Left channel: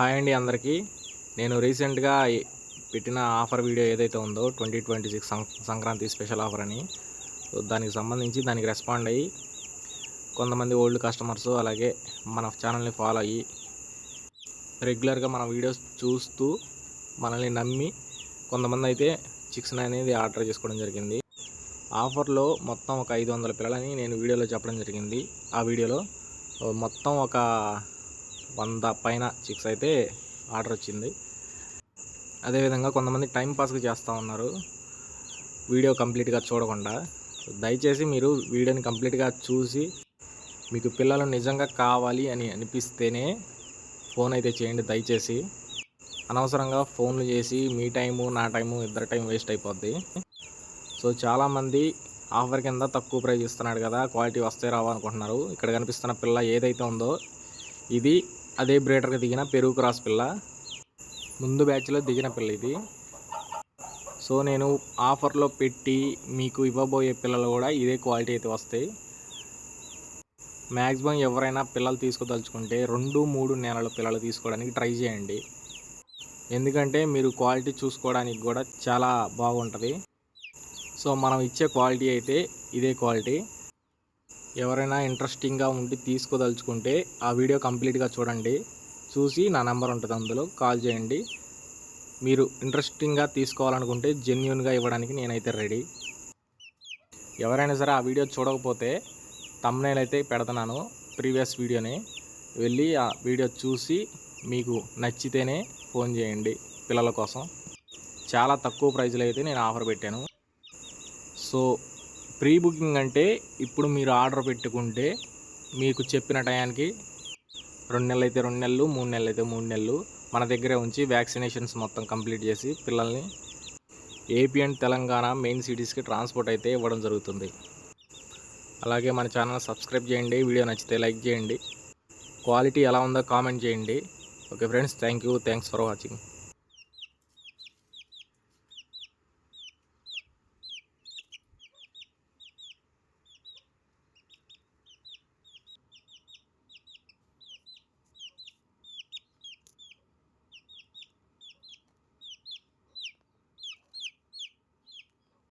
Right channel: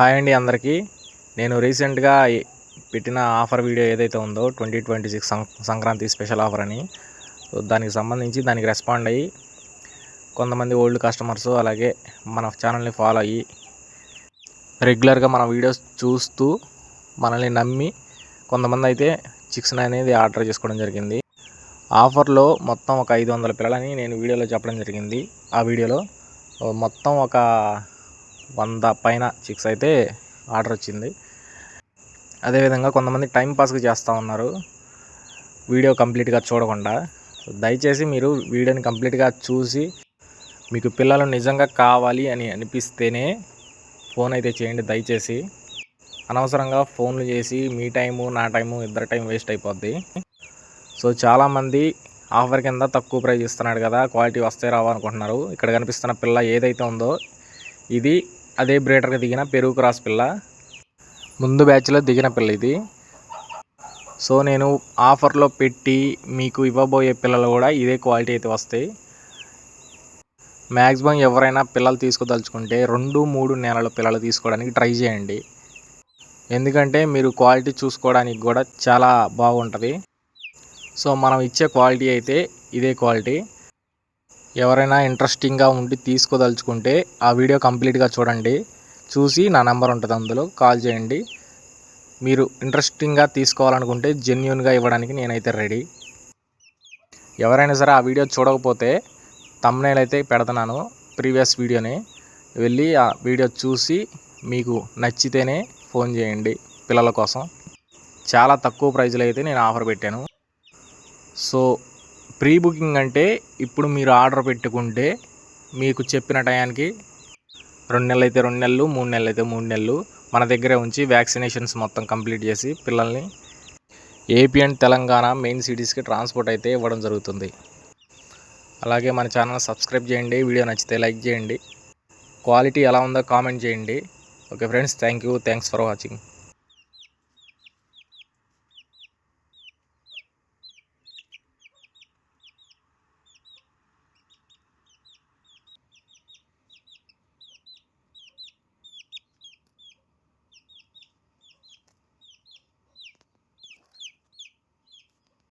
Hi అండి అందరికీ. నేను రీసెంట్గా పెట్టిన ఆఫర్ వీడియో ఏదైతే ఉందో 2026 సంక్రాంతి స్పెషల్ ఆఫర్ అని, దానికి సంబంధించి దానికి రెస్పాండ్ అయ్యి కొంతమంది ఓల్డ్ కస్టమర్స్ అలాగే మన ఛానల్ని ఫాలో అయ్యి రెగ్యులర్గా మన వీడియోస్ చూస్తూ మనల్ని నమ్మి కొంతమంది అయితే చిక్స్ అనేది ఆర్డర్ చేసుకోవడం జరిగింది. ఆఫర్లో మొత్తం ఒక 500 పిల్లలని నేను వీడియోలో చెప్పడం జరిగింది. ఆ వీడియోలో మొత్తం ఒక 100 పైన చిక్స్ అయితే ఆర్డర్ వచ్చింది. అదేవిధంగా కొంతమంది టైంపాస్కి చేస్తూ ఉన్నారు వీడియో కంప్లీట్గా చూడకుండా. దయచేసి మీరు వీడియోని కంప్లీట్గా చూసి మీకు పిల్లలు నిజంగా కావాలి అని అనిపిస్తేనే ఫోన్ అయితే చేయండి. దయచేసి అనవసరంగా ఫోన్లు చేసి మీ టైము నా టైము ఇద్దరు టైం వేస్ట్ అయిపోద్ది. సో చాలామంది ఆఫర్ కింద తక్కువ ప్రైస్ ఇస్తున్నాడు కదా, క్వాలిటీ వస్తే రావా అనుకుంటున్నారు. ఇక్కడ కనిపిస్తున్న పిల్ల ఏదైతే ఉందో ఇది అదే బ్రీడర్గా దిగిన పెరుగు క్రాస్ పిల్ల, ముందు బ్యాచ్లో దిగిన పిల్ల ఇది. సో నేను ఆఫర్లో పెట్టి మీకు ఇవ్వబోయే పిల్లలు కూడా ఇదే క్వాలిటీ అయితే వస్తాయి. మ్యాక్సిమం ఎవరైనా పిల్లలు తీసుకోదలుచుకుంటే 2-3 నెలల పిల్లలు తీసుకోవడానికి ట్రై చేయండి. ఎందుకంటే మీరు క్వాలిటీ చూసుకోవడానికి కూడా చాలా బాగుంటుంది. సో మనం ఇచ్చే క్వాలిటీ అయితే ఇదే క్వాలిటీ. ఎవరైనా ఇంట్రెస్టింగ్గా ఉండి తీసుకోదలుచుకుంటే ఆ వీడియో కంప్లీట్గా చూడండి. చూసి నా నెంబర్ ఉంటుంది, అందులో కాల్ చేయండి. మీరు ఇంట్రెస్టింగ్గా తీసుకోవాలనుకుంటే జెన్యూన్గా ఇవ్వడానికి నేనైతే రెడీ. ఎవరైనా సరే ఆ వీడియో చూడకపోతే థంబ్నెయిల్ అయితే పెడుతున్నాను, ప్రీవియస్ వీడియోని వెళ్ళి ఆ వీడియో చూసి మీకు నచ్చితేనే ఫోన్ చేయండి. పిల్లల కోసం చాలా తక్కువ ప్రైజ్లో అయితే నేను ఆఫర్ పెట్టాను. సో ప్రీ బుకింగ్ అంటే ఇప్పుడు మీరు ఆర్డర్ పెట్టుకుంటే మీకు చెప్పిన టయానికి 2 నెలలు అయితే 2 నెలలు, 3 నెలలు అయితే 3 నెలలు మన దగ్గరే ఉంచి వ్యాక్సినేషన్స్ మొత్తం కంప్లీట్ చేసి పిల్లల్ని ఏపీ అండ్ తెలంగాణ మెయిన్ సిటీస్కి ట్రాన్స్పోర్ట్ అయితే ఇవ్వడం జరుగుతుంది. అలాగే మన ఛానల్ సబ్స్క్రైబ్ చేయండి. వీడియో నచ్చితే లైక్ చేయండి. క్వాలిటీ ఎలా ఉందో కామెంట్ చేయండి. Okay friends, thanks for watching.